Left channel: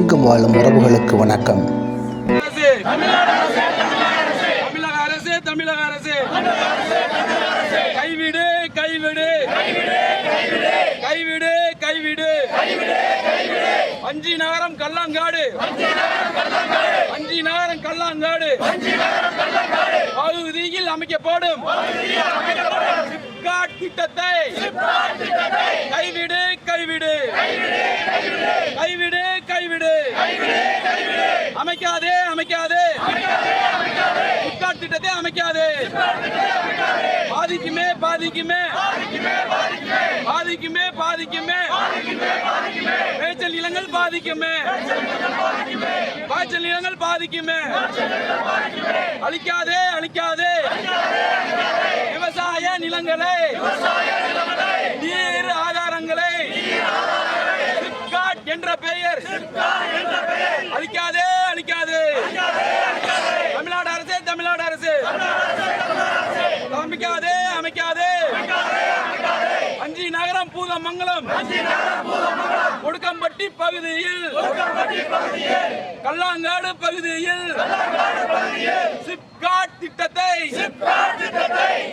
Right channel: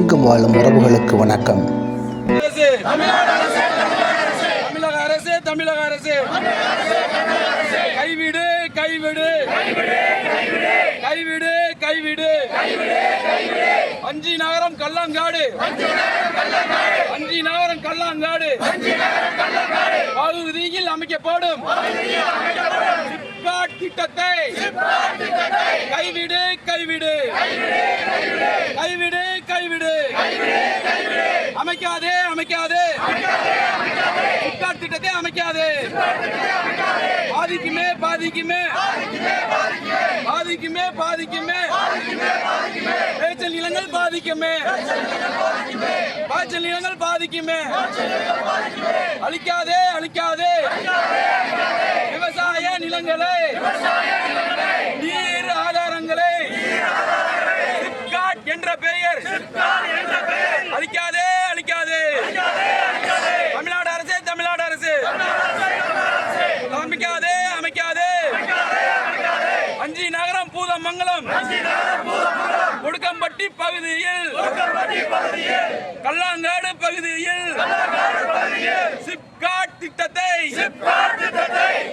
எங்கும் வாழும் உறவுகளுக்கு வணக்கம் அரசு தமிழக அரசு தமிழக அரசு கைவிடு கைவிடு கைவிடு கைவிடு அஞ்சி நகரம் கல்லாங்காடு அஞ்சி நகரம் கல்லாங்காடு பகுதியில் அமைக்கப்படும் திட்டத்தை கைவிடு கைவிடு. கைவிடு கைவிடு. அமைக்காதே அமைக்காதே. பிப்கார்ட் திட்டத்தை அமைக்காதே. பாதிக்குமே பாதிக்குமே. பாதிக்குமே பாதிக்குமே. மேய்ச்சல் நிலங்கள் பாதிக்குமே. காய்ச்சல் நிலங்கள் பாதிக்குமே. அழிக்காதே அழிக்காதே. விவசாய நிலங்களை நீர் ஆதாரங்களை சிப்காட் என்ற பெயர் அழிக்காதே அழிக்காதே தமிழ்நாடு அரசு தமிழ்நாடு அரசு அமைக்காதே அமைக்காதே அஞ்சி நகரம் பூதமங்கலம். கொடுக்கம்பட்டி பகுதியில். கல்லாங்காடு பகுதியில். சிப்காட் திட்டத்தை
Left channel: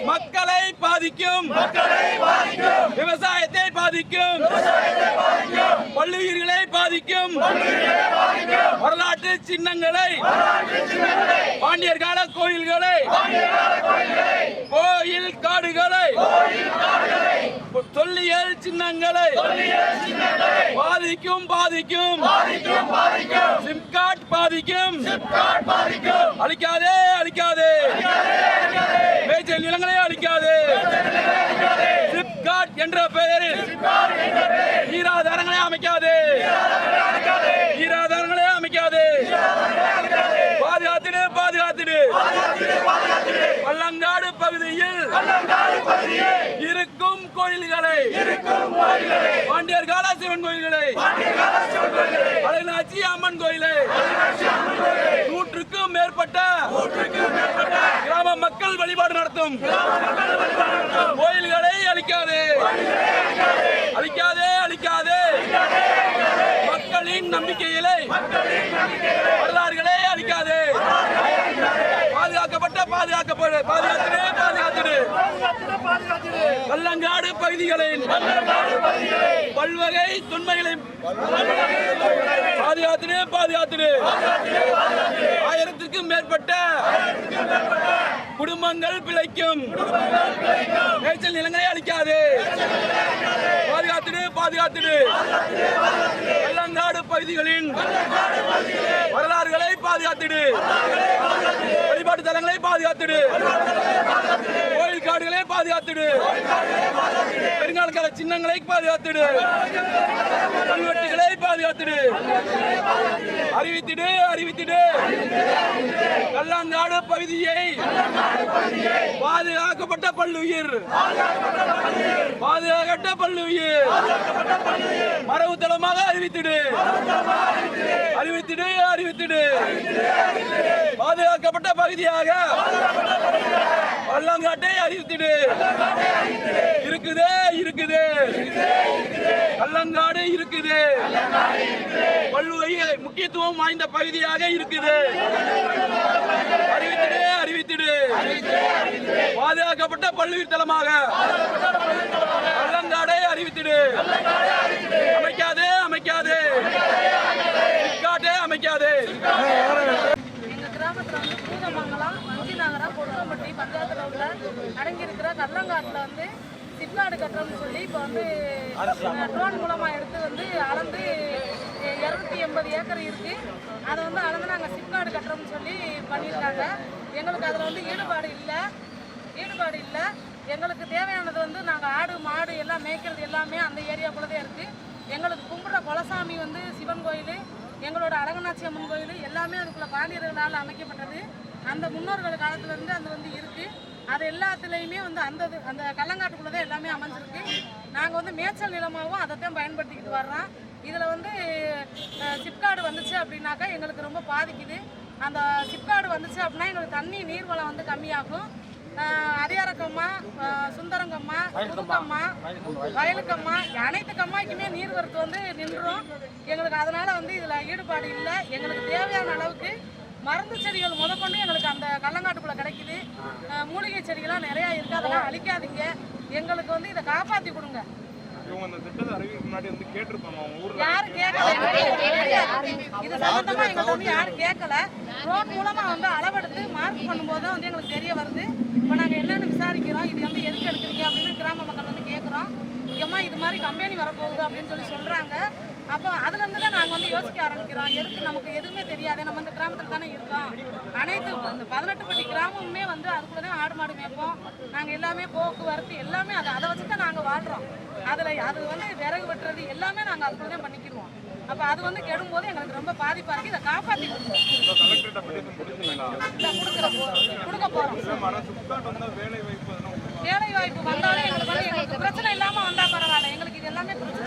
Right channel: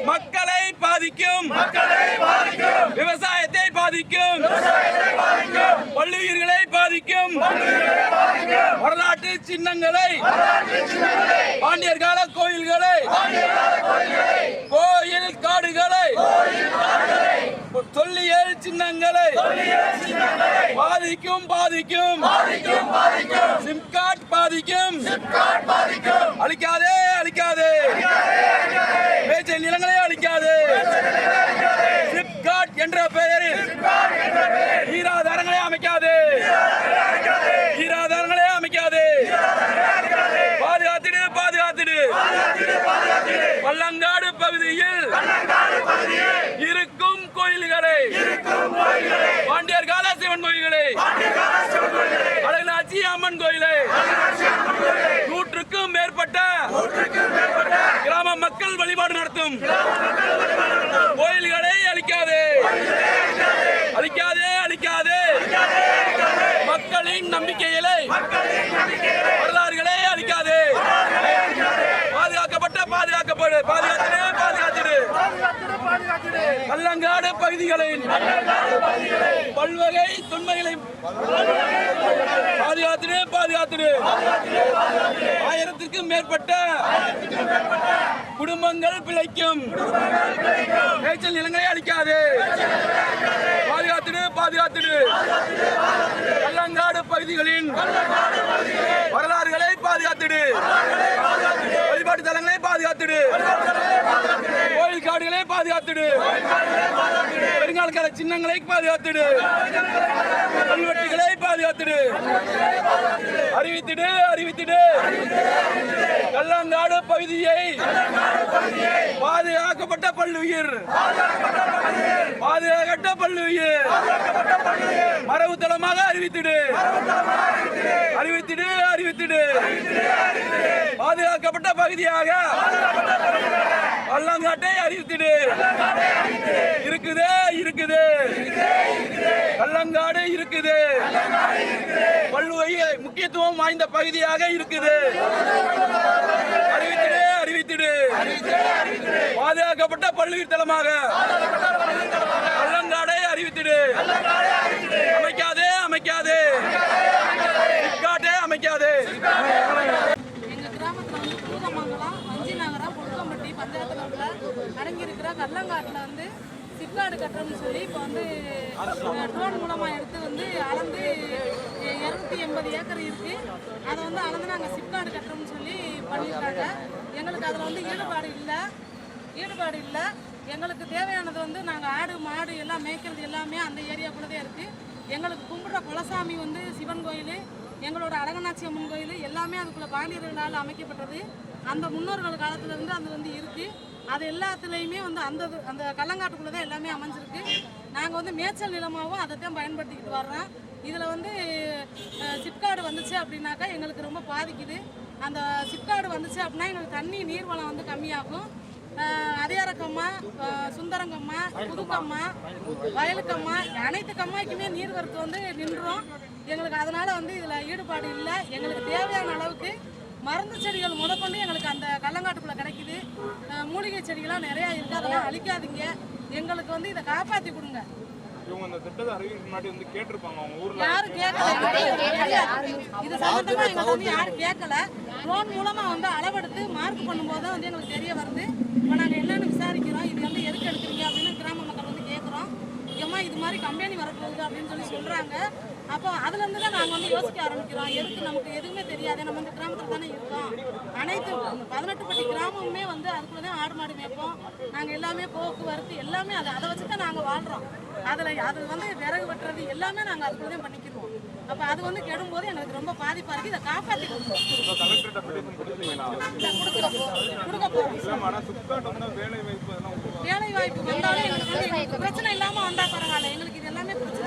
மக்களை பாதிக்கும். விவசாயத்தை பாதிக்கும். பள்ளுயிர்களை பாதிக்கும். வரலாற்று சின்னங்களை. பாண்டியர் கால கோயில்களை. கோயில் காடுகளை. தொல்லியல் சின்னங்களை. பாதிக்கும் பாதிக்கும். சிம்காட் பாதிக்கும். அழிக்காதே அழிக்காதே. நிலங்களை அழிக்காதே. சிப்காட் என்ற பெயரில் ஈராதாரங்களை அமைக்காதே. ஈராதாரங்களை அமைக்காதே. பாதுகாத்திடு பாதுகாத்திடு. பள்ளங்காடு பகுதியில் கோயில்களை பாண்டியர் கால சிவன் கோயில்களை. அழகனாச்சி அம்மன் கோயிலை. நூற்றுக்கும் மேற்பட்ட கிராம மக்கள் வழிபாடு நடத்தும். கோயில்களை அழிக்காதே. அழிக்காதே. அழிக்காதே மக்களின் நம்பிக்கைகளை வரலாறுகளை அழிக்காதே. பாதுகாக்கப்பட்ட பாதுகாக்கப்படு. பாதுகாத்திடு பாதுகாத்திடு. கல்லங்காடு பகுதிகளின் பல்வகை தொன்மைகளை பாதுகாத்திடு பாதுகாத்திடு. ஆயிரத்திற்கும் மேற்பட்ட குடும்பங்கள் பிழைக்கும். மேய்ச்சல் நிலங்களை அளிக்காது பாதுகாத்திடு பாதுகாத்திடு. கல்லங்காடு பகுதிகளின் வரலாறுகளை பாதுகாத்திடு. வழிபாட்டு தலங்களை பாதுகாத்திடு. கோயில் காடுகளை பாதுகாத்துடு. பெருங்காலக்கால சின்னங்களை பாதுகாத்திடு. கல்வெட்டுகளை பாதுகாத்திடு. அறிவித்திடு அறிவித்திடு. கல்லாங்காடு பகுதியை பாதுகாக்கப்பட்ட பல்லுயிர். பாதுகாக்கப்பட்ட பல்லுயிர். மரபு தளமாக அறிவித்திடு. அறிவித்திடு அறிவித்திடு. பாதுகாக்கப்பட்ட பகுதியாக பள்ளங்காட்டை அறிவித்திடு இருக்குதே இருக்குது. கள்ளங்காடு இருக்குது. வள்ளுவை முக்கியத்துவம் வாய்ந்த பகுதியாக இருக்குது. அறிவித்திடு அறிவித்திடு. பாதுகாக்கப்பட்ட பல்லுயிர் தலமாக கள்ளங்காடை அறிவித்திடு. அமைக்காதே அமைக்காதே. அமைக்காதே எங்கள் கிராமத்தில் வந்து பூதமங்கலம் வஞ்சி நகரம் பஞ்சாயத்தில் உள்ள அடங்கியிருக்கிற கல்லங்காட்டில் வந்து சிப்காடு கட்டுறோம்னு சொல்லி இப்போ வந்து ட்ரோன் மூலமாக எடுத்து வந்து அளந்து இரநூத்தி எண்பது ஏக்கர் இருக்குது அதை வந்து அளந்து நாங்கள் சிப்காடு கட்டுறோம்னு சொல்லி பண்ணியிருக்காங்க. எங்களுக்கு அதில் வந்து ஈடுபாடு இல்லை. ஈடுபாடு இல்லை. எங்களுக்கு தேவையானது வந்து நாங்கள் ஆடு மாடு எல்லாம் மேய்க்கிறது எல்லாமே அந்த ஏரியாக்குள்ளே தான் இருக்குது எங்களுக்கு கும்பிட்ற குலசாமி வந்து சிவன் கோயில் எங்களோட அழகனாட்சி அம்மன் கோயில் எல்லாமே அதுக்குள்ள பாண்டியர்களால் அமைக்கப்பட்டது. அந்த முன்னோர்கள் காலத்துலேருந்து அது வந்து இருக்குது அது எல்லாத்துலேயுமே வந்து அந்த அந்த கல்லங்காட்டுக்குள்ளே தான் எல்லாமே அமைஞ்சிருக்கு. நாங்கள் வந்து மேய்ச்சல் நிலமாகவும் அதை தான் பயன்படுத்திக்கிட்டு வர்றோம். இதில் வந்து சிப்காடு வந்துச்சு அப்படின்னாக்கா எங்களுக்கு ரொம்ப பாதிக்குது. அந்த சிப்காடு வந்துச்சு அப்படின்னா எங்களுக்கு தண்ணி நீர்வளம் வந்து கம்மியாகும். ஆஹ் சுந்தரங்கம்மா புதுக்கம்மா வயலுக்கம்மா அனைத்து கம்மாய்க்குமே நீர் வரத்து வந்து நின்றோம் எங்களுக்கு அதனால் வந்து இதில் ஈடுபாடு இல்லை. எங்களுக்கு தேவையான அளவுக்கு மருந்து செடிகள் முதற்கொண்டு எங்களுக்கு அந்த கள்ளங்காட்டுக்குள்ள கிடைக்குது. மூலிகை செடிகள்லாம் நிறையா இருக்குது அதெல்லாம் அழிக்காதீங்க. எங்களுக்கு வந்து இதை காப்பாற்றி கொடுங்க. யாரும் கேட்கல. இது சம்பந்தமா எங்களுக்கு வந்து யாரும் கேட்கல. ட்ரோன் மூலமா வந்து அளவெடுத்து மார்க் பண்ணும்போது தான் வந்து எங்களுக்கு தெரிய வருது. இப்போ நாங்கள் என்னன்னு விசாரிக்கிறோம். இது வந்து எதுக்கு எடுக்கிறீங்க அப்படின்னு கிராம மக்கள் வந்து கேட்குறோம் ஏம்மா இது மாதிரி கம்பெனி வரப்போகுது அப்படின்னு சொல்லி சொல்றாங்க. அப்போ அதுல இருந்து தான் நாங்கள் வந்து யோசிக்க ஆரம்பிக்கிறோம். எதுக்கு நமக்கு எதுவுமே தெரியாது. நம்ம இந்த கிராமத்தில் தானே இருக்கோம். அனைத்து இந்த பதினெட்டு பட்டி கிராமமுமே வந்து அதுக்குள்ளே தான் ஆடு மாடு மேய்ப்போம். நாங்கள் எல்லாமே போக்குவரத்து எல்லாமே அதை அதை வச்சு தான் நாங்கள் வாழ்கிறோம் அதில் அது வந்து விறகு வெட்டுறது எல்லாமே நாங்கள் அதுக்குள்ள தான் பண்ணிக்கிடுவோம் அப்போ அது வந்து கெடும் போது எங்களுக்கு ரொம்ப பாதிப்பாக இருக்குது இதை காப்பாற்றி கொடுங்க கொடுக்குற போகிறோம் கொடுக்க போகிறோம் வேலை வாய்ப்பு வேலை வாய்ப்பு வந்தாலும் எங்களுக்கு வந்து எங்களுக்கு பிரச்சனை இல்லாமல் வந்தால் பரவாயில்ல. எங்களுக்கு இது எல்லாமே பிரச்சனை.